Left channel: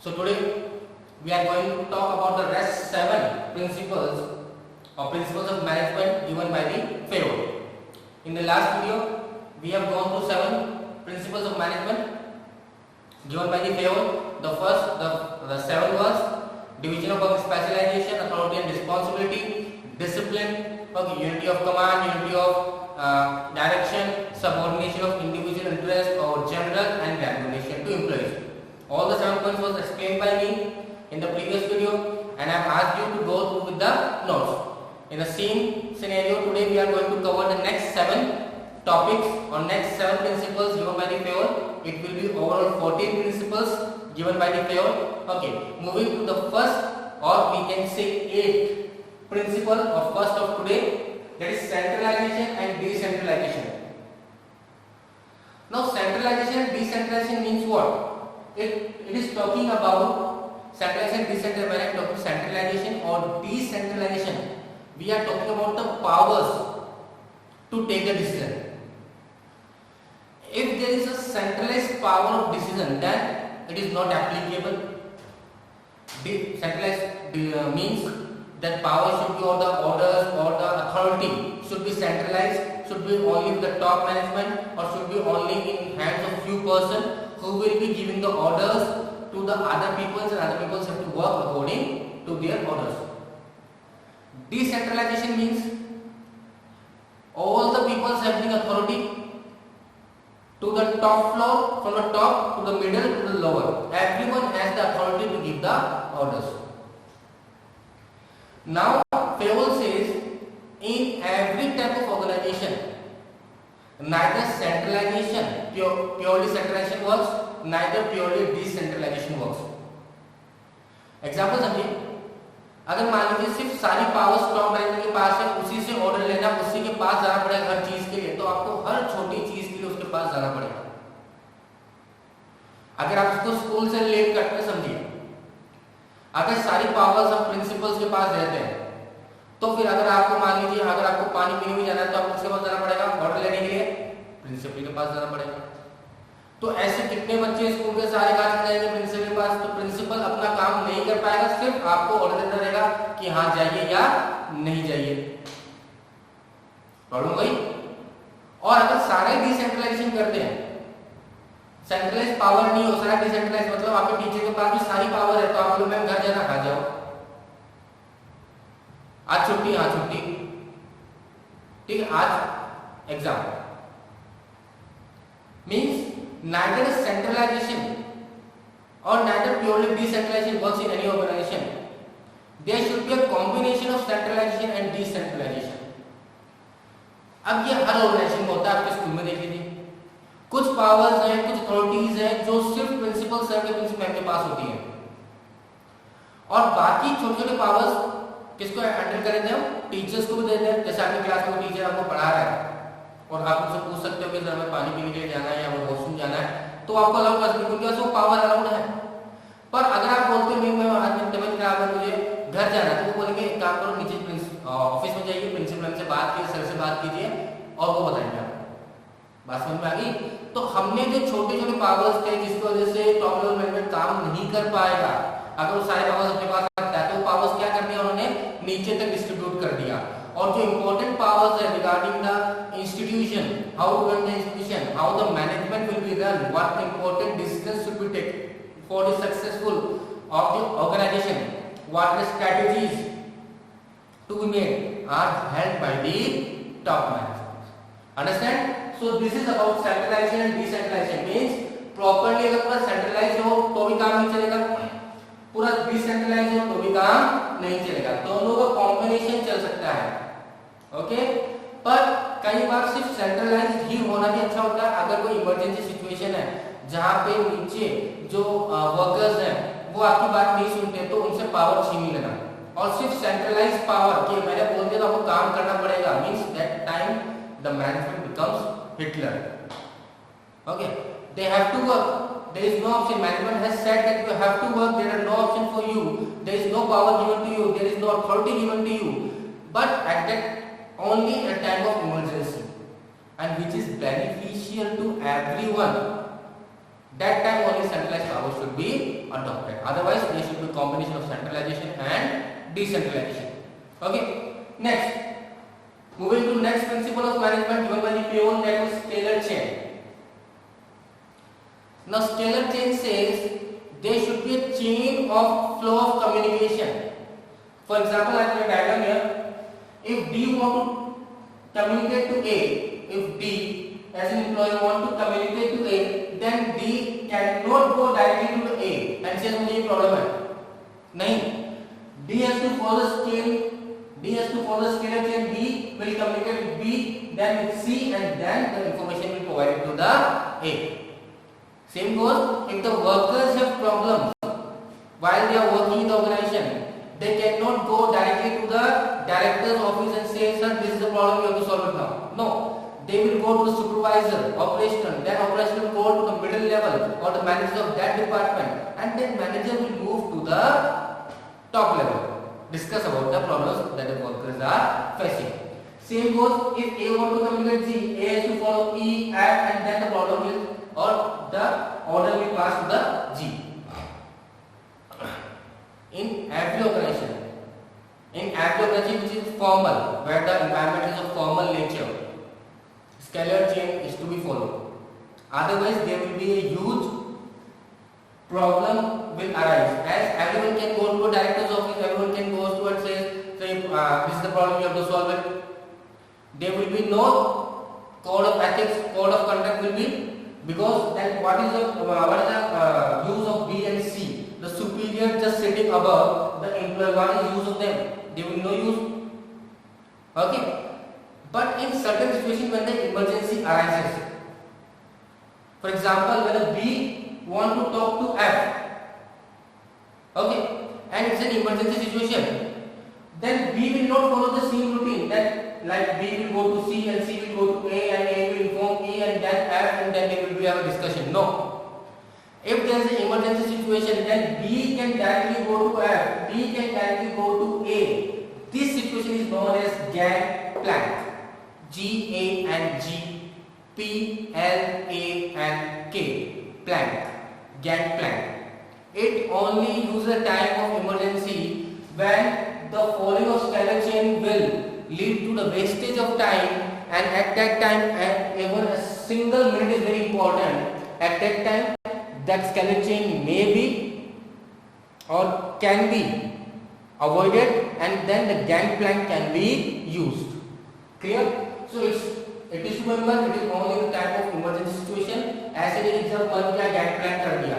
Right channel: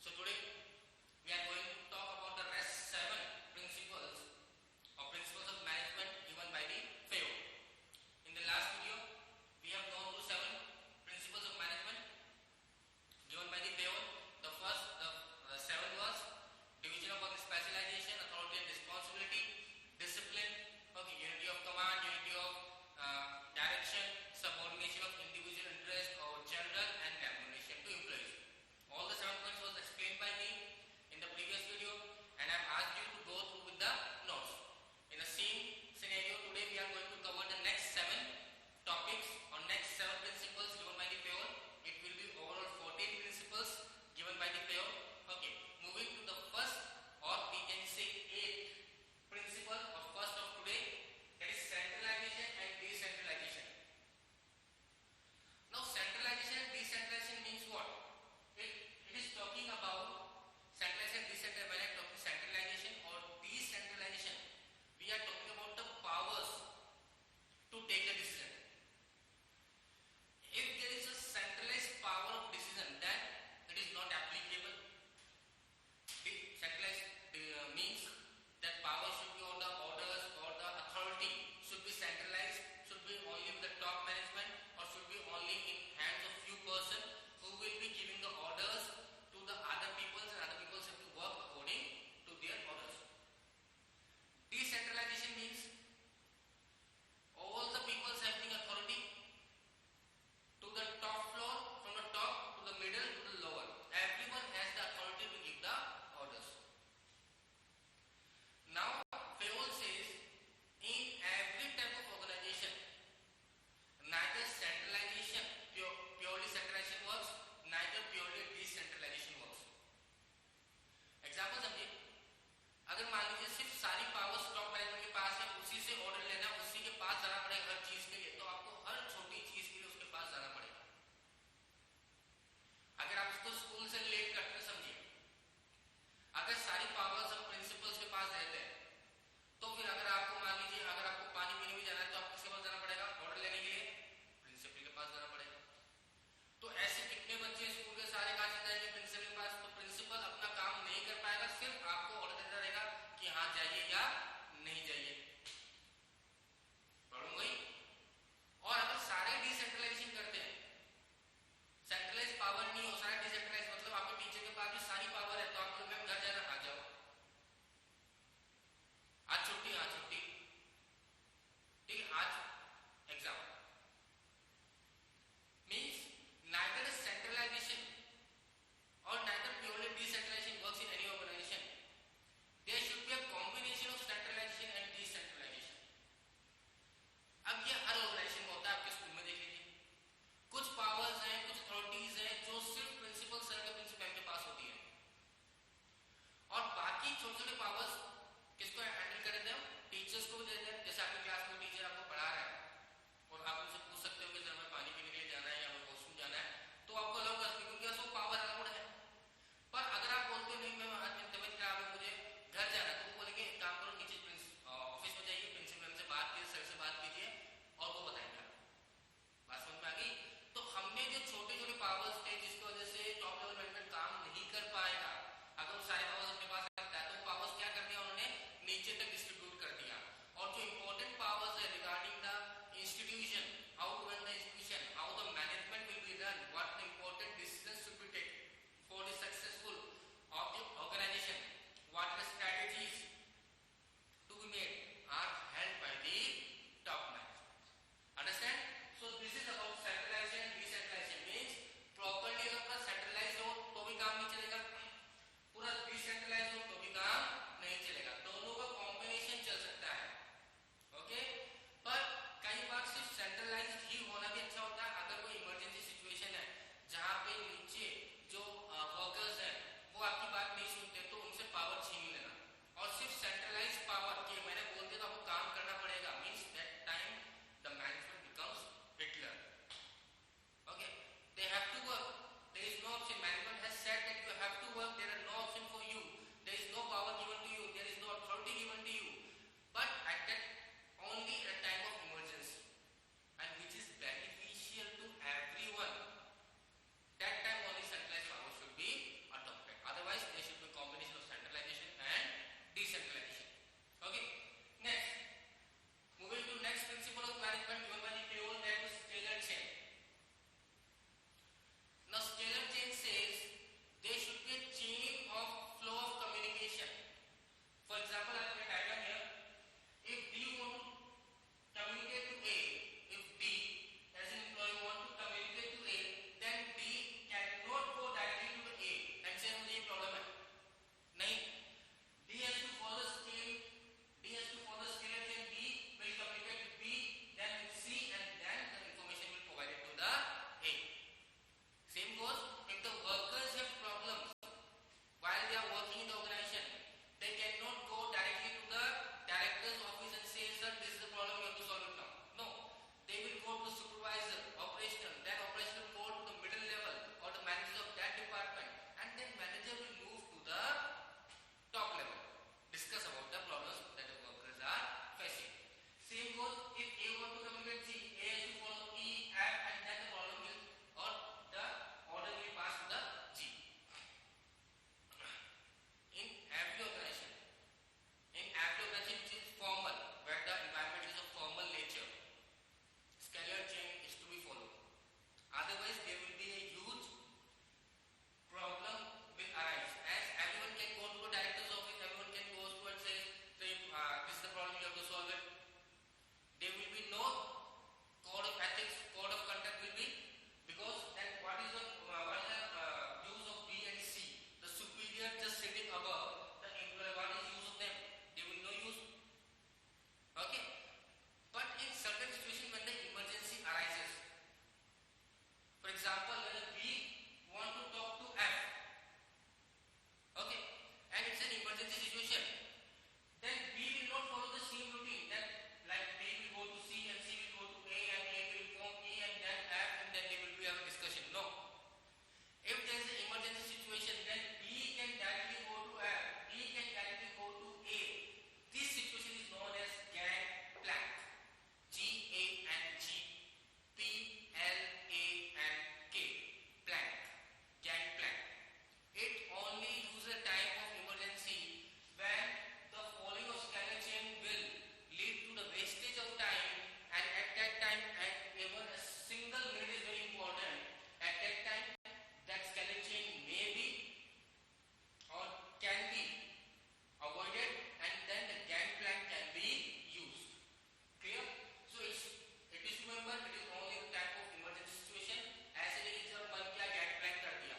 So today we are going to talk about the rest 7 principles or principles of management given by the FAO. In the last video, we have gone through 7 principles of management given by the FAO. The 7 was division of work, specialization, authority and responsibility, discipline, unity of command, unity of direction, subordination of individual interest or general, and recognition to employees. All the 7 points was explained by me in the previous video, and I have asked you to go through with the notes. In the same scenario, today we are going to cover the next 7 topics or next 7 principles given by the FAO. It will be overall 14 principles given by the FAO. Okay, moving to the first, or we can say 8th principle or first of today, that is centralization and decentralization. Now centralization and decentralization means what? It is talking about centralization, decentralization. When I am talking centralization or decentralization, we are talking about the powers to take a decision. If there is a centralized power of decision, then it is not applicable. Decentralized means that power should be, or the orders or the authority should be centralized, should be only with the top management, or should be only in hands of few persons who will be giving the orders to the other peoples, and other peoples have to work according to their orders. Decentralization means all the peoples having authority to the top floor, from the top to the middle to the lower. Everyone has the authority to give the orders. Now, FAO says in every type of organization, neither centralization, purely centralization works, neither purely decentralization works. Example समझिए, अगर मान लीजिए सिर्फ सारी power stock management के पास है, उसी से ऑर्डर लेना, उसी के पास जाना पड़ेगा हर चीज के लिए, तो आपको हर छोटी चीज के लिए उसके पास जाना पड़ेगा. अगर आप इसको स्कूल से रिलेट करते हैं, समझिए, अगर सारी पावर्स हम प्रिंसिपल्स के पास रहते हैं, तो फिर अगर आपको मान लीजिए अगर आपको पानी पीने भी जाना है, तो आपको किसके पास जाना पड़ेगा? ऑर्डर लेने के लिए प्रिंसिपल के पास जाना पड़ेगा. तो ऐसे कितने बच्चे स्कूल के सारे कहाँ चले जाएंगे? प्रिंसिपल के पास. तो प्रिंसिपल अपना काम नहीं कर पाएगा, सिर्फ आपको ऑर्डर देना रहेगा कि हाँ जाइए या नहीं जाइए. प्रॉब्लम वही. और अगर सारे डिसेंट्रलाइजेशन करते हैं, सेंट्रलाइज पावर नहीं हो, सारा डिसेंट्रलाइज, मतलब आपके टीचर के पास भी सारी पावर है, तो आप बोलो मैम घर जाना, खा जाओ, आज छुट्टी, हाँ छुट्टी, ठीक है, आज exam. Means neither centralization or neither purely decentralization works in any organization. There should be a combination of centralization and decentralization. अब ये हर ऑर्गेनाइजेशन में होता है. आपके स्कूल में देख लीजिए, कुछ पावर्स हैं, कुछ अथॉरिटीज हैं जो सिर्फ प्रिंसिपल सर के प्रिंसिपल के पास होती हैं, और बाकी छोटे छोटे पावर्स किसको हैंडल करें थे? हम टीचर्स को भी दे दें. जैसे आपकी क्लास में टीचर आपको पढ़ा रहा है और आप उनसे पूछ सकते हो कि सर हमें पानी पीने के लिए जाना है या वॉशरूम जाना है, तो आपको अलाउ कर सकते हो, क्योंकि वो पावर अलाउड है. पर अगर आप बोलते हो नहीं मैं आज मेरी तबीयत खराब है, मुझे घर जाना है, तो वो बोलेंगे एक काम करो, नीचे ऑफिस में जाइए, प्रिंसिपल से बात कीजिए, सर से बात कीजिए और वो बताएंगे आपको. बात समझ में आ गई? तो हमने जो छोटे छोटे पावर्स थे जिसकी वजह से टॉप लेवल मैनेजमेंट काम नहीं कर पाएगा, अगर वो सारे पावर्स अपने पास रखता है, तो वो पावर्स क्या कर दिया उन्होंने? नीचे तक डिस्ट्रीब्यूट कर दिया. और जो इंपॉर्टेंट पावर्स है regarding the institution, how to run the institution, how the management will be run, what important decisions should be taken for the successful of the organisation, what are strategies to be made, are held by the top management. Understand? So this is about centralisation and decentralisation. Means properly अगर पूरा सेंट्रलाइज हो तो भी काम नहीं चलेगा, पूरा डिसेंट्रलाइज हो तो भी काम नहीं चलेगा. दोनों का कॉम्बिनेशन चल सकता है. ओके, पर कई बार सिर्फ सेंट्रलाइज ही होना भी अच्छा होता है. अगर कोई इमरजेंसी सिचुएशन है जहां पे नीचे जो वर्कर्स हैं वो आपकी बात नहीं सुनते, तो उनसे पावर छीन लेना, और सिर्फ सेंट्रलाइज पावर कि मैंने बोल दिया तो आपको काम करना पड़ेगा, means that time the management becomes Hitler. Okay, they have to work. There is no option. Management has said that you have to work. There are no option for you. There is no power given to you. There is no authority given to you. But at that only a time of emergency, and which is beneficial to everyone. that time only centralized power should be adopted. Otherwise, there should be combination of centralization and decentralization. Okay. Next, moving to next principle of management given by the Peon, that is scalar chain. Now, scalar chain says there should be a chain of flow of communication. For example, I have a diagram here. If D want to communicate to A, if D as an employee want to communicate to A, then D cannot go directly to A and says मुझे problem है. नहीं. D has to follow scalar chain. D will communicate with B, then with C, and then the information will provide to the A. Same goes if the workers have problems while they are working in the organization. They cannot go directly to the director's office and say, sir, this is the problem, you have to solve it now. No, they will go to the supervisor, operational, then operational will go to the middle level or the manager of that department, and then manager will move to the top level, discuss about the problems that the workers are facing. Same goes if A want to communicate Z, A has to follow E, F, and then the problem will, or the order will pass to the G. In every organization which is formal, where the environment is of formal nature, scalar chain is to be followed. Otherwise, there will be a huge problem will arise, as everyone can go to a director's office, everyone can go to and say this is the problem, you have to solve it. There will be no code of ethics, code of conduct will be, because then what is the use of B and C? The superior just sitting above the employee, what is the use of them? They will no use. Okay. But in certain situations when the emergency arises, for example, when a B want to talk to F, okay, and it's an emergency situation, then B will not follow the same routine that like B will go to C and C will go to A and A will inform E and then F and then they will have a discussion. No. If there is an emergency situation, then B can directly go to F, B can directly go to A. This situation is known as gangplank. G A N G P L A N K, plank, gangplank. It only uses a time of emergency when the following of scalar chain will lead to the wastage of time, and at that time, even a single minute is very important. At that time, that scalar chain may be or can be avoided, and then the gangplank can be used. Clear? So it is to remember, it is only the type of emergency situation. ऐसे एक एग्जाम बन गया, गैंगप्लैंक कर दिया,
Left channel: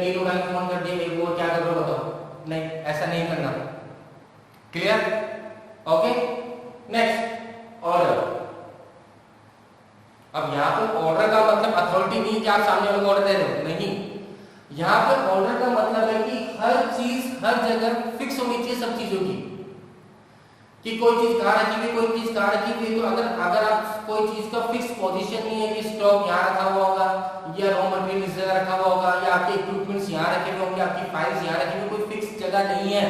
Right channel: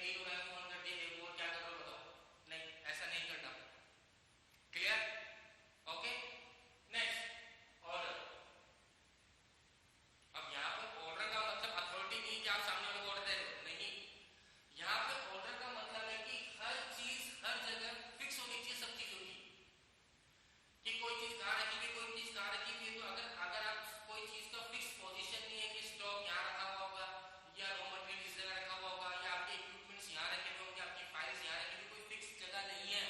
डी को bank phone कर दिया, एक वो क्या कर रहे हो बताओ? नहीं, ऐसा नहीं करना. क्लियर? ओके. Next, order. अब यहाँ पर ऑर्डर का मतलब अथॉरिटी नहीं कि आप सामने वाले को ऑर्डर दे रहे हो, नहीं. यहाँ पर ऑर्डर का मतलब है कि हर चीज हर जगह फिक्स होनी चाहिए सब चीजों की, कि कोई चीज कहाँ रखी हुई, कोई चीज कहाँ रखी हुई. तो अगर आप कोई चीज का फिक्स पोजीशन नहीं है कि स्टॉक यहाँ रखा हुआ होगा या रॉ मटेरियल इस जगह रखा हुआ होगा या आपके इक्विपमेंट्स यहाँ रखे हुए होंगे, आपकी फाइल्स यहाँ रखी हुई, कोई फिक्स जगह नहीं है,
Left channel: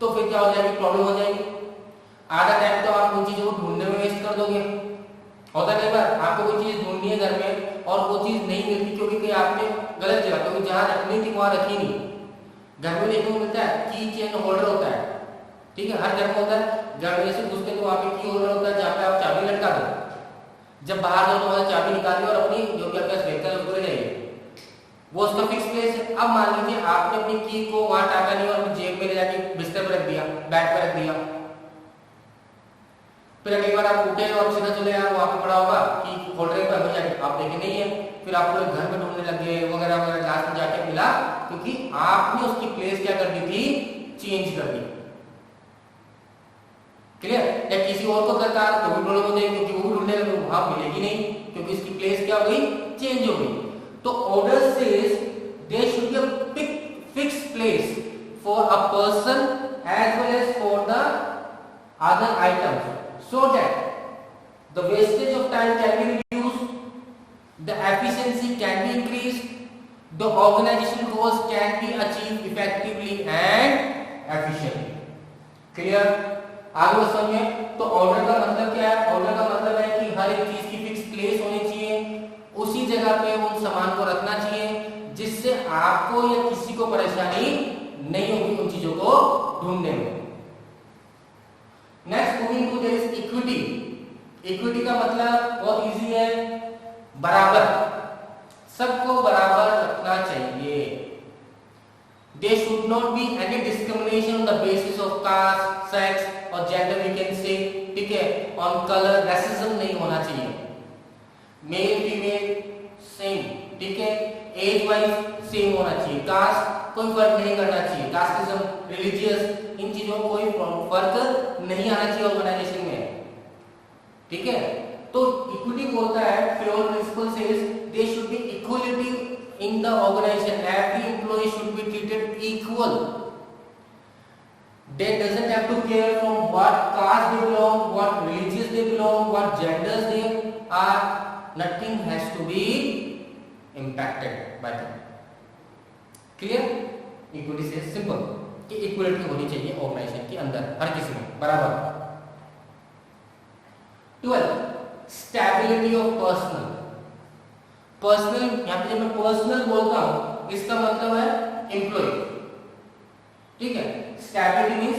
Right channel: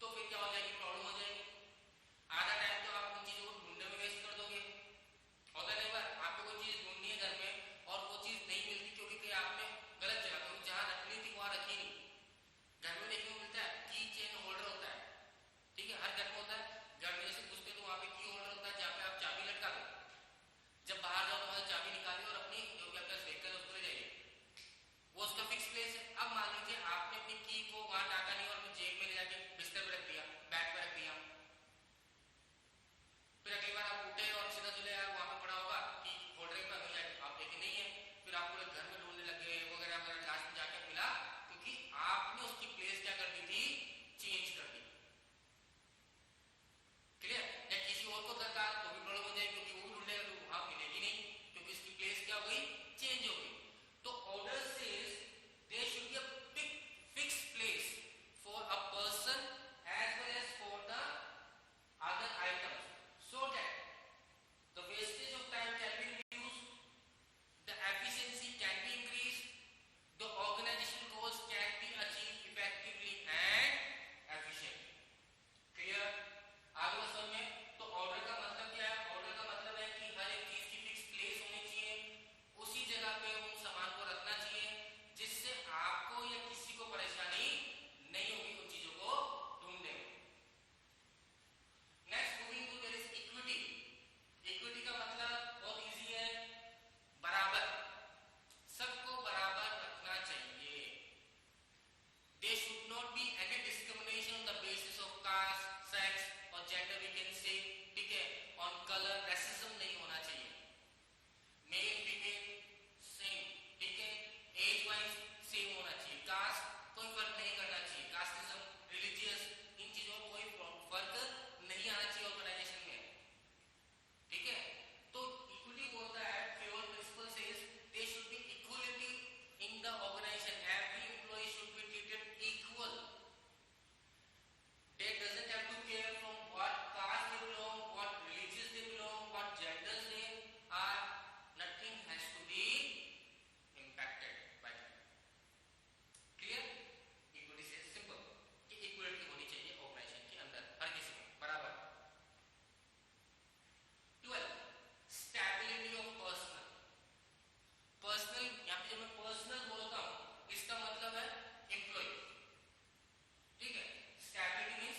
तो फिर क्या हो जाएगी, प्रॉब्लम हो जाएगी. आधा टाइम तो आप उन चीजों को ढूंढने में वेस्ट कर दोगे. होता कई बार आपको कोई चीज ढूंढनी है घर में और वो चीज नहीं मिलती क्योंकि आपने गलत जगह, क्योंकि जहाँ रखनी थी वहां रखी नहीं. घर में देखने को मिलता है की चेन होल्डर होता है, ठीक है, हर घर में होता है. घर में से घुसते तो वहाँ पे की होल्डर होता है जहाँ पे आप चाबी लटका दो, जब बाहर जाओ तो वहाँ चाबी निकालिए और अपनी जो भी आपका व्हीकल उसको ले जाइए, वो उसका फिक्स प्लेस है. अब मान लीजिए आपने अपनी की को वहाँ टाका नहीं और जेब में ले जाके बिस्तर पर रख दिया, बैग पर रख दिया, फिर अगली बार आप उठे और सीधा चले आए, वहाँ पे पड़ा होगा कि होल्डर पर हो जाके आप देखे नहीं है, फिर आप पूरे घर में ढूंढने लगे वगैरह वगैरह, लास्ट में जाके मिला क्योंकि आपने उसकी प्लेस क्या कर दी थी, चेंज कर दी. क्लियर? या किसी और को दरकार तो भी प्रॉब्लम हो जाएगी क्योंकि वो ढूंढने लगे, वहां मिलेगी नहीं क्योंकि इसकी प्लेस क्या हो गई, चेंज हो गई. तो order says there should be a fixed place for a person as well as for the other items, so that the wastage of time can be reduced, the efficiency can be increased, the organization goals can be achieved effectively and efficiently. Clear? आगे समझिए. तो ऑर्डर का मतलब क्या है? ऑर्डर का मतलब है कि हर एक चीज की फिक्स प्लेस होनी चाहिए, उसी जगह पे उन सामान moving to there is equity. Equity का मतलब बहुत इजी है, बराबर, सबको बराबर रखना चाहिए। There should not be any discrimination on the basis of caste, sex और gender we can say, ठीक है, on color, racism नहीं होना चाहिए, मेल फीमेल सेम, ठीक है, एज वाइज सेम होना चाहिए, कास्ट कोई फर्क नहीं करना चाहिए, कास्टिज्म, रिलीजियस, इन चीजों में कोई फर्क नहीं आना चाहिए ऑर्गेनाइजेशन में, ठीक है। तो इक्विटी बोलता है, floor principle says there should be equality in the organization, every employee should be treated equal, they doesn't have to care from what caste they belong, what religious they belong, what genders they are, nothing has to be impacted by them, clear। equity से simple कि equality होनी चाहिए ऑर्गेनाइजेशन के अंदर हर किसी में बराबर। 12 stability of personal. Personal, यहाँ पे जब मैं पर्सनल बोलता हूं इसका मतलब है एम्प्लॉय, ठीक है। स्टेबिलिटी मींस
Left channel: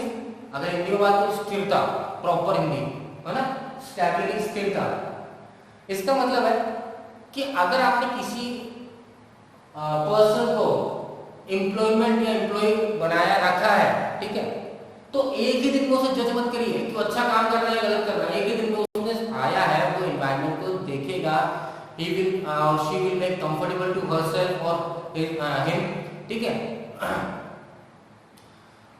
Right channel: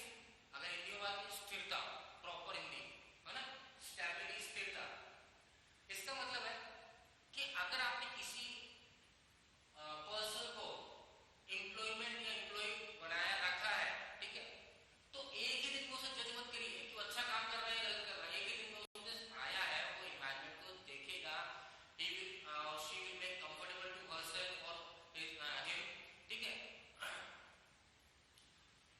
अगर हिंदी में बात करें स्थिरता, प्रॉपर हिंदी है ना, स्टेबिलिटी स्थिरता। इसका मतलब है कि अगर आपने किसी पर्सन को एम्प्लॉयमेंट या एम्प्लॉय बनाया रखा है, ठीक है, तो एक ही दिन में उसे जज मत करिए कि अच्छा काम कर रहा है या गलत कर रहा है। एक ही दिन में उसने आया है, वो एनवायरनमेंट को देखेगा, he will or she will make comfortable to herself or him, ठीक है।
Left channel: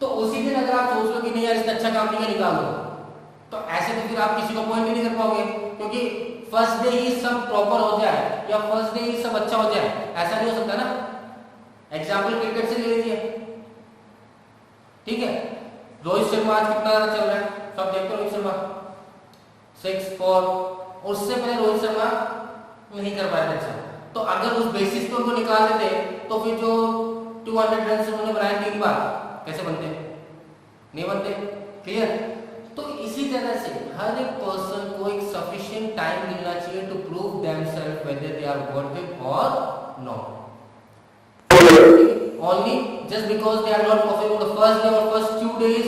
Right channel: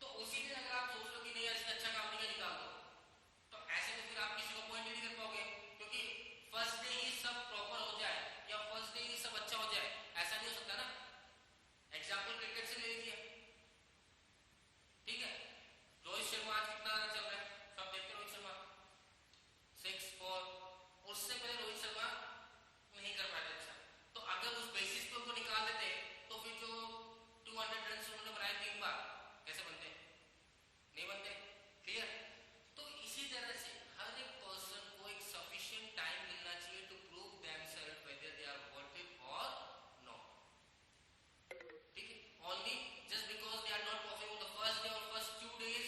तो उसी दिन अगर आप सोच लो कि नहीं यार इसने अच्छा काम नहीं निकाल दो, तो ऐसे तो फिर आप किसी को पॉइंट नहीं कर पाओगे, क्योंकि फर्स्ट डे ही सब प्रॉपर हो जाए या फर्स्ट डे ही सब अच्छा हो जाए, ऐसा नहीं हो सकता ना। एग्जाम्पल क्रिकेट से ले लीजिए, ठीक है, रोहित शर्मा आज कितना रन चल रहा है, सब देखते हो, रोहित शर्मा 6 4, उससे पहले रोहित शर्मा नहीं कर पाए अच्छा। तो अगर उस बेसिस पे उनको निकाल देते तो फिर जो 200 रन उन्होंने बनाए 3 बार कैसे बनते, नहीं बनते, क्लियर। तो इसी तरह से हर एक पर्सन को एक सफिशिएंट टाइम मिलना चाहिए to prove themselves whether they are worth it और not. Only just because they are not performing the first day or first few days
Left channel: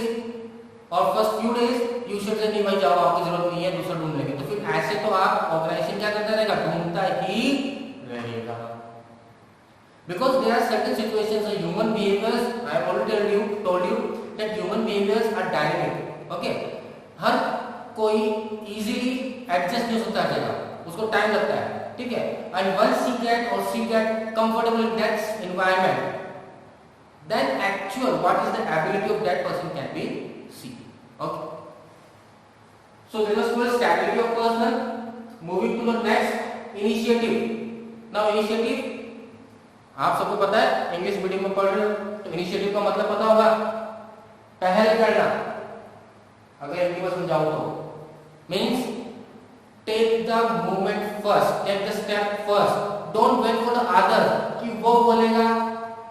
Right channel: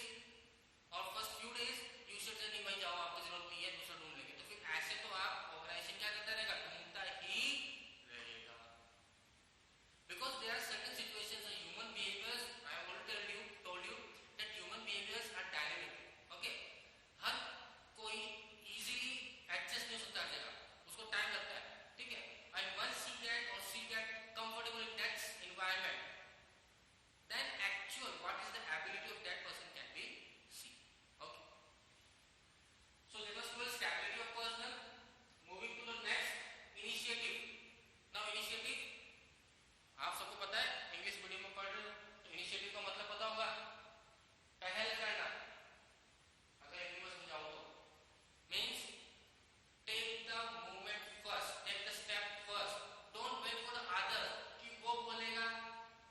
you should say नहीं भाई जाओ, आपकी जरूरत नहीं है, दूसरा ढूंढ लेंगे। तो फिर ऐसे तो आप ऑर्गेनाइजेशन क्या करता रहेगा, ढूंढता ही रहेगा। Because there are certain situations of human behaviors, I have already told you that human behaviors are dynamic, okay। हर कोई easily adjust नहीं हो सकता है, उसको टाइम लगता है, ठीक है। And once he get comfortable in that environment, then actual what is the ability of that person can be seen, okay। So let us first stability of person, moving to the next initiative। Now initiative आप सबको पता है, English medium में पढ़ रहे हो तो इनिशिएटिव का मतलब पता होगा, पहल करना। अगर हिंदी में समझाऊं तो means take the movement first, take the step first, don't wait for the other कि वो बोलेगा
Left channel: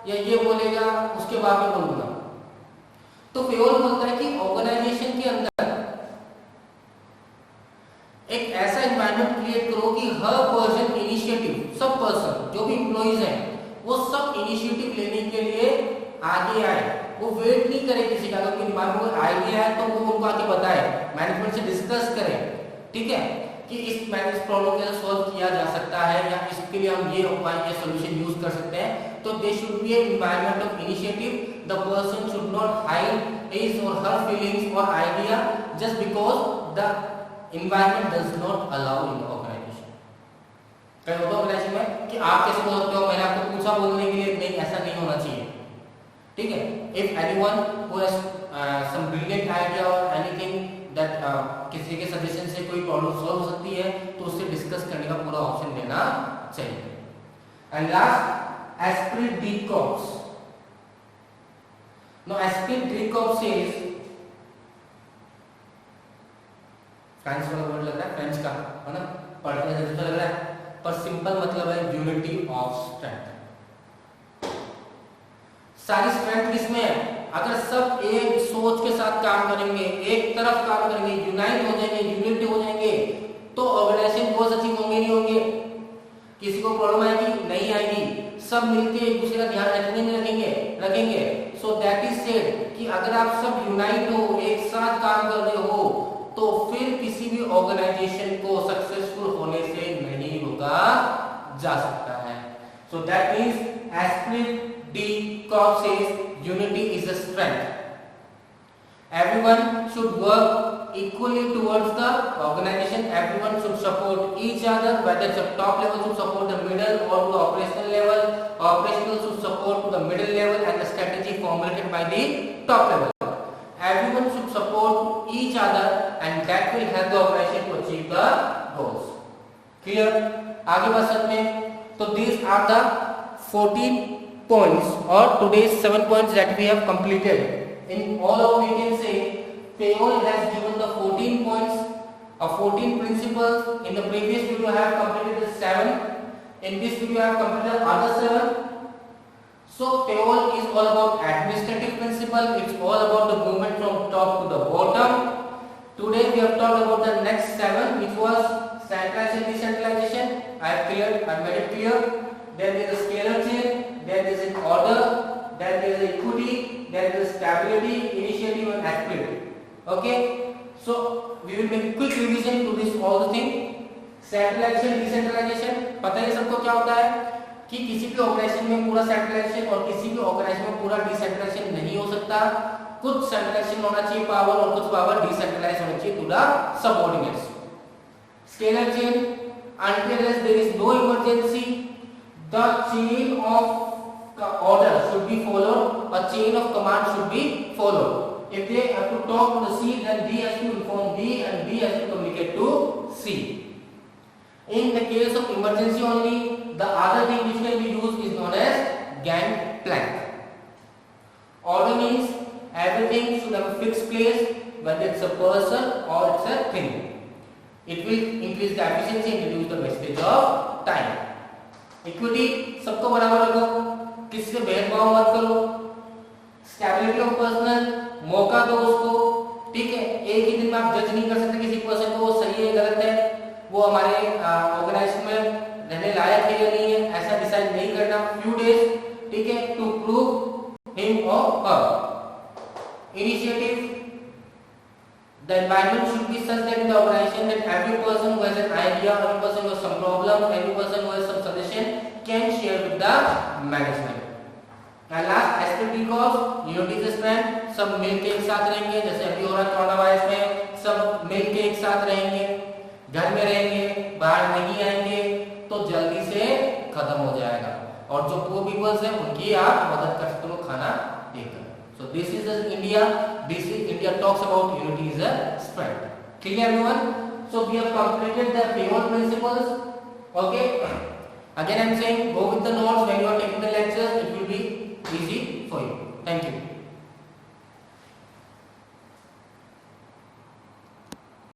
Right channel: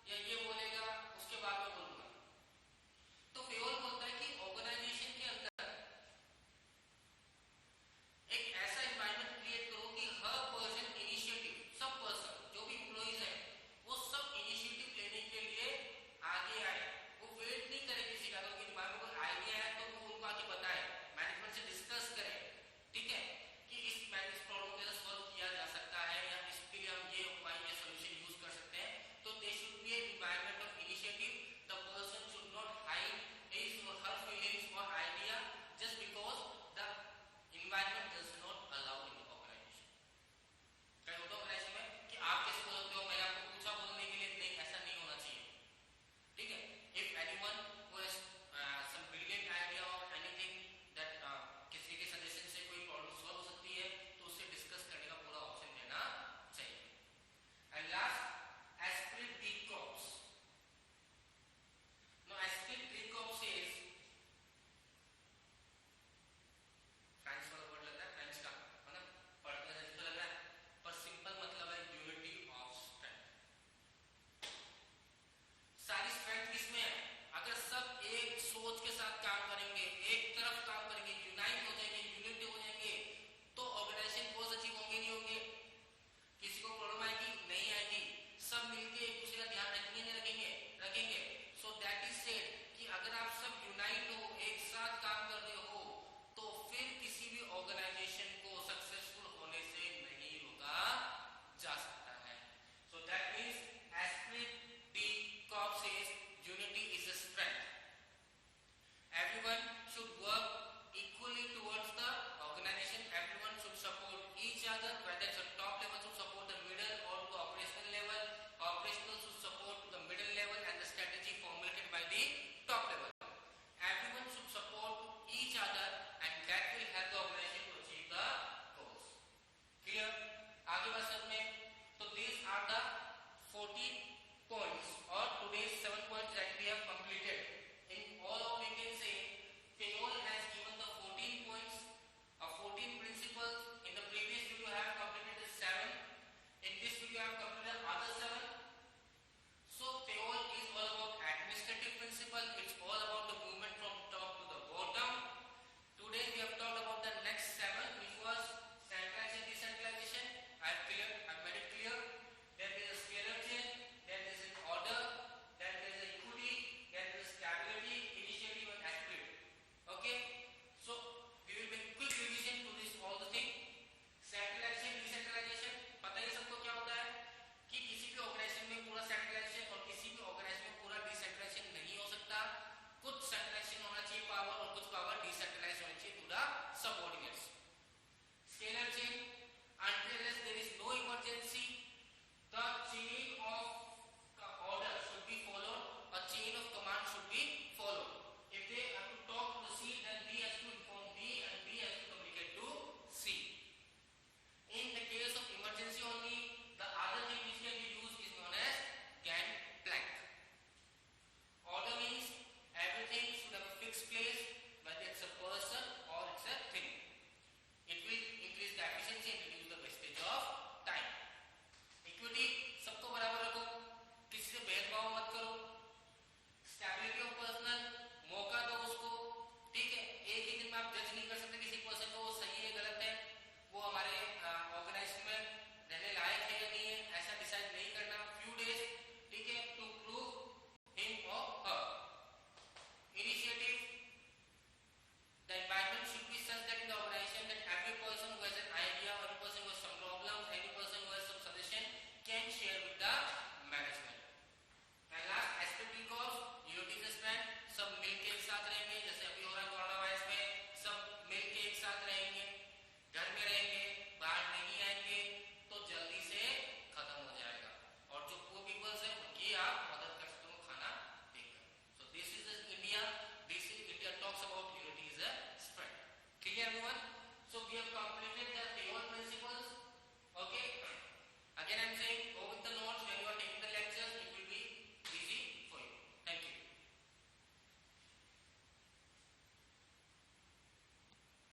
या ये बोलेगा उसके बाद में बोलूंगा। तो फेयोल बोलता है कि ऑर्गेनाइजेशन के अंदर एक ऐसा एनवायरनमेंट क्रिएट करो कि हर पर्सन इनिशिएटिव, सब पर्सन जो भी एम्प्लॉइज हैं वो सब इनिशिएटिव लेने के लिए आगे आए, वो वेट नहीं करे किसी का। अगर दिमाग में आइडिया है तो वो उनको आके बताए, मैनेजमेंट से डिस्कस करें, ठीक है, कि इस प्रॉब्लम को सॉल्व किया जा सकता है या इसके लिए हम ये उपाय या सॉल्यूशन यूज कर सकते हैं। तो they should be an environment of initiative, the person should not hide his और हर फीलिंग्स और idea just because the environment does not allow in the organisation. कई होता ऑर्गेनाइजेशन में कि आप कैसे बोल सकते हो, मैंने आपको पूछा बोलने के लिए, नहीं ऐसा नहीं होना चाहिए, ठीक है। If anyone who has some brilliant idea और एनीथिंग दैट किसी के सजेशन से कोई प्रॉब्लम सॉल्व हो सकती है तो उससे डिस्कस करने का पूरा ऑप्शन देना चाहिए। And last esprit de corps. No esprit de corps says, French वाला वर्ड लग रहा है, फ्रेंच का है ना, पढ़ने से तो लग रहा है, पर सिंपल मतलब है यूनिटी ऑफ स्ट्रेंथ। सारी स्ट्रेंथ किसमें है, अगर सब एक सोच के साथ काम करेंगे, एक तरफ काम करेंगे, यूनाइट हो जाएंगे, यूनिटी हो जाएंगे, तो ऑर्गेनाइजेशन गोल्स अचीव होंगे नहीं होंगे। किसी को प्रॉब्लम आएगी नहीं आएगी, सब मिलके एक दूसरे का ध्यान रखने में रखेंगे। सो दैट इज सेड कि अगर आप सब यूनाइट हो, एक साथ काम कर रहे हो, तो towards the organization. Everyone should support each other, whether it's a top level should support the middle or to the operational level. Operational should support to the middle level and the strategy formulated by the top level. Everyone should support each other and that will help the organization to achieve the goals. Clear? आगे बढ़ सकते हैं. So these are the 14 points or today's 7 points that we have completed. In all of we can say Payol has given the 14 points or 14 principles. In the previous video I have completed the 7. In this video I have completed other 7. So Payol is all about administrative principle. It's all about the movement from top to the bottom. Today we have talked about the next 7, which was centralization, decentralization. I have made it clear. Then there is a scalar chain. Then there is an order. Then there is equity. Then there is stability, initiative, and activity. Okay. So we will make quick revision to this all the thing. Centralization, decentralization. पता है सबको क्या होता है कि किसी भी ऑर्गेनाइजेशन में पूरा सेंट्रलाइजेशन और किसी भी ऑर्गेनाइजेशन में पूरा डिसेंट्रलाइजेशन नहीं हो सकता. कुछ सेंट्रलाइजेशन होना चाहिए पावर और कुछ पावर डिसेंट्रलाइज होना चाहिए to the subordinates. Scalar chain, until there is no emergency, the chain of order should be followed, a chain of command should be followed. If they have to talk to the C, then D has to inform B and B has to communicate to C. In the case of emergency only, the other thing which can be used is known as gangplank. Order means everything should have a fixed place, whether it's a person or it's a thing. It will increase the efficiency and reduce the wastage of time. Equity, सबको बराबर रखो, किसी से भेदभाव मत करो. Stability of personal, मौका दो उसको. ठीक है, एक ही दिन में आप जज नहीं कर सकते किसी पर्सन को वो सही है गलत है, वो हमारे ऑर्गेनाइजेशन में रहने लायक है या नहीं है, ऐसा डिसाइड नहीं करना. Few days, ठीक है, to prove him or her. Initiative. The environment should be such that in the organization that every person who has an idea, every person who has some problem, every person who has some suggestion can share with the management. And last aspect because unity is strength. सब मिलके एक साथ रहेंगे, जैसे अभी हो रहा है कोरोना वायरस में, सब मिलके एक साथ रहेंगे, घर में रहेंगे, बाहर नहीं आएंगे, तो जल्दी से खत्म हो जाएगा. और जो पुअर पीपल्स हैं उनकी आप मदद कर सकते हो खाना देकर. So this is the India. This is India talks about unity is a strength. Clear everyone? So we have completed the Payol principles. Okay. Again I am saying go with the notes when you are taking the lecture.